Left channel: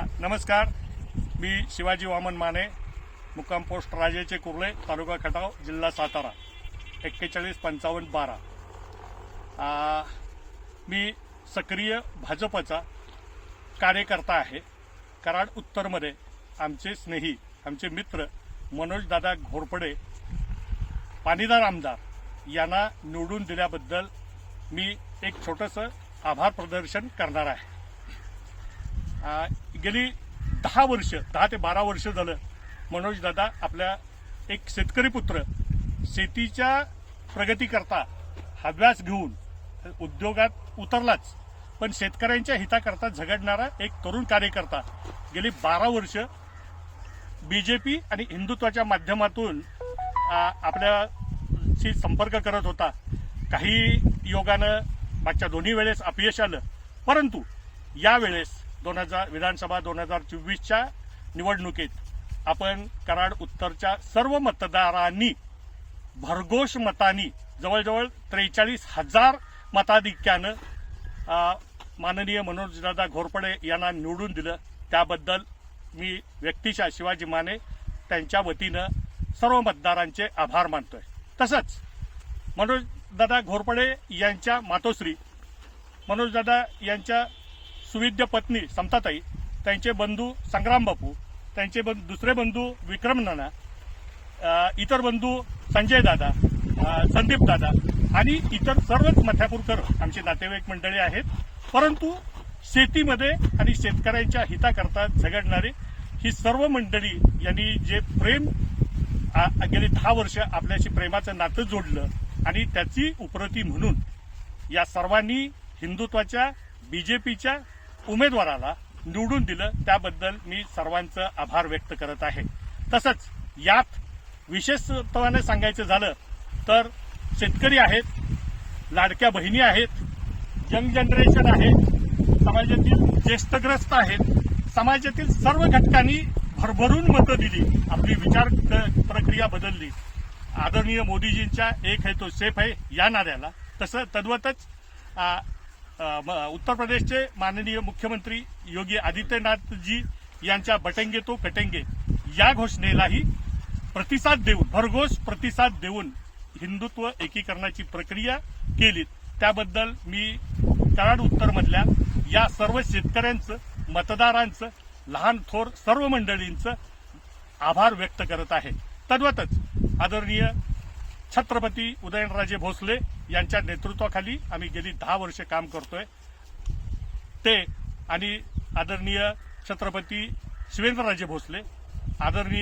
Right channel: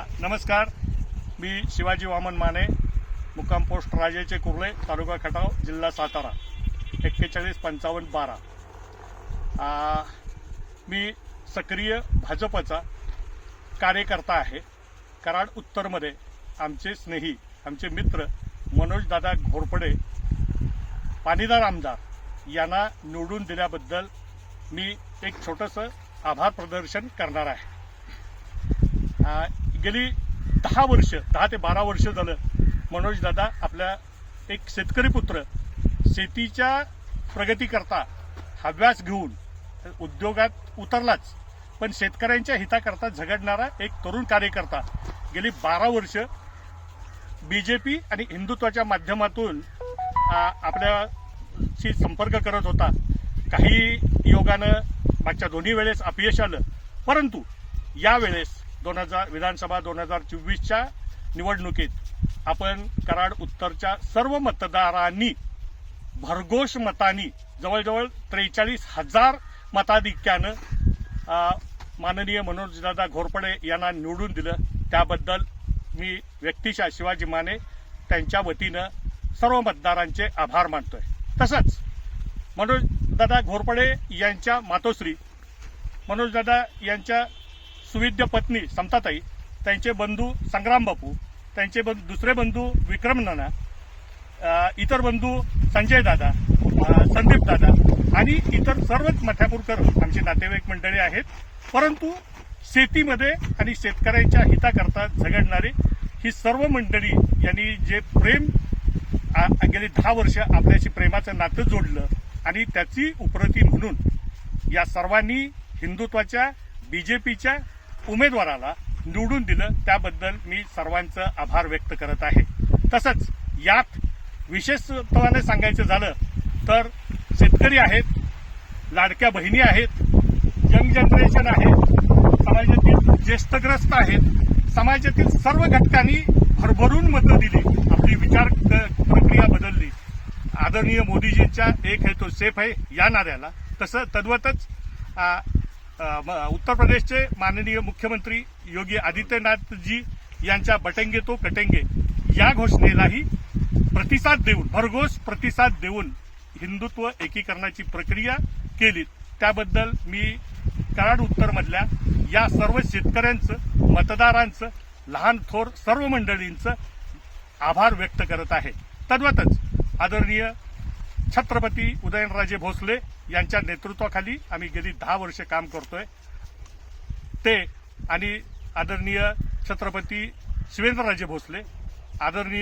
नमस्कार. मी शिवाजी वामन माने मुक्काम पोस्ट राजेचे कुर्ले तालुका खटाव जिल्हा सातारा. एक्केचाळीस पंचावन्न बारा. आ, मी सक्रिय भाजपचा कार्यकर्ता आहे. कराड उत्तरमध्ये आमचे स्नेही आमचे मित्र मनोजदादा घोरपडे पाणीदार आमदार यांना निवडून दिल्याबद्दल मी एक छोटंसं आभार प्रदर्शन करणार आहे. गेली दहा वर्ष दहा ते बारा वर्ष झालं मनोज दादा आपल्या एक शेतकरी पुत्र शेतीच्या प्रगतीकरता हव्यास घेऊन उद्योगात उतरलाच पण शेतकऱ्यांच्या हिताकरता झगडणारा एक तरुण कार्यकर्ता गेली बारा वर्ष. बीजेपी आणि हिंदुत्वाच्या माध्यमातून आपल्याशी संपर्क करत होता. काही योगानं मागच्या दोन्ही वेळेस अपयश आलं परंतु यावेळेस दोन हजार विधानसभा दोन हजार चोवीसच्या निवडणुकीत आपण कराड उत्तरच्या सर्व मतदारांनी भरघोष मतांनी जवळजवळ त्रेचाळीस हजार मताधिक्यानं माननीय मनोजदादा घोरपडे यांना निवडून दिलं. त्याबद्दल मी व्यक्तिशः शिवाजी माने त्यांच्या वतीनं सर्व मतदारांचे आभार मानतोय. तसंच मनोजदादा घोरपडे यांच्या मातोश्री मनोजदादा यांच्या सुविद्य पत्नी समताताई त्यांचे बंधू संग्राम बापू त्यांचे दुसरे बंधू विक्रम नाना इतर बंधू संजय दादा संदीप दादा आणि इतर सर्वच मथ्यापूरकर आमचे नातेवाईक मंडळी आहेत. परंतु शेतीमध्ये आणि शेतकऱ्यांच्या हिताकरता झगडणारे ही सर्व मंडळी यांनी जे प्रेम गेली दहा वर्ष आपल्याशी प्रेमाचं नातं जोडलं आणि त्याची उपरती म्हणून या सर्वांनी हिंदुत्वाच्या बीजेपीच्या उमेदवाराला निवडून दिलं त्याबद्दल मी सर्वांचं आभार व्यक्त करत आहे. तसंच यात विशेषत्वाने सांगायचं झालं तर शेतकरी आहेत लाडक्या बहिणी आहेत यंग जनरेशन आहे समाजातील ज्येष्ठग्रस्त आहेत समाजातील सर्व घटकांनी भरभरून मतं दिली आपली विचार प्रक्रिया बदलली. आदरणीय मोदीजींच्या एक है तो सेफ आहे या नाऱ्याला. तसं तद्वतच उत्तर प्रदेशचे माननीय मुख्यमंत्री योगी आदित्यनाथजी यांच्या बटेंगे तो कटेंगे या घोषणेलाही प्रतिसाद देऊन भरघोस प्रतिसाद देऊन हिंदुत्व एकीकरणाची प्रक्रिया केली त्याबद्दल मी कराड उत्तरमधल्या या सर्व शेतकऱ्यांचं मतदारांचं लहान थोर सर्व मंडळींचं आभार व्यक्त करत आहे. तद्वतच आदरणीय छत्रपती उदयनराजे भोसले यांच्या नेतृत्वाखाली आम्ही गेली दहा वर्ष काम करतोय. ते आणि आदरणीय छत्रपती शिवेंद्रराजे भोसले आदरणीय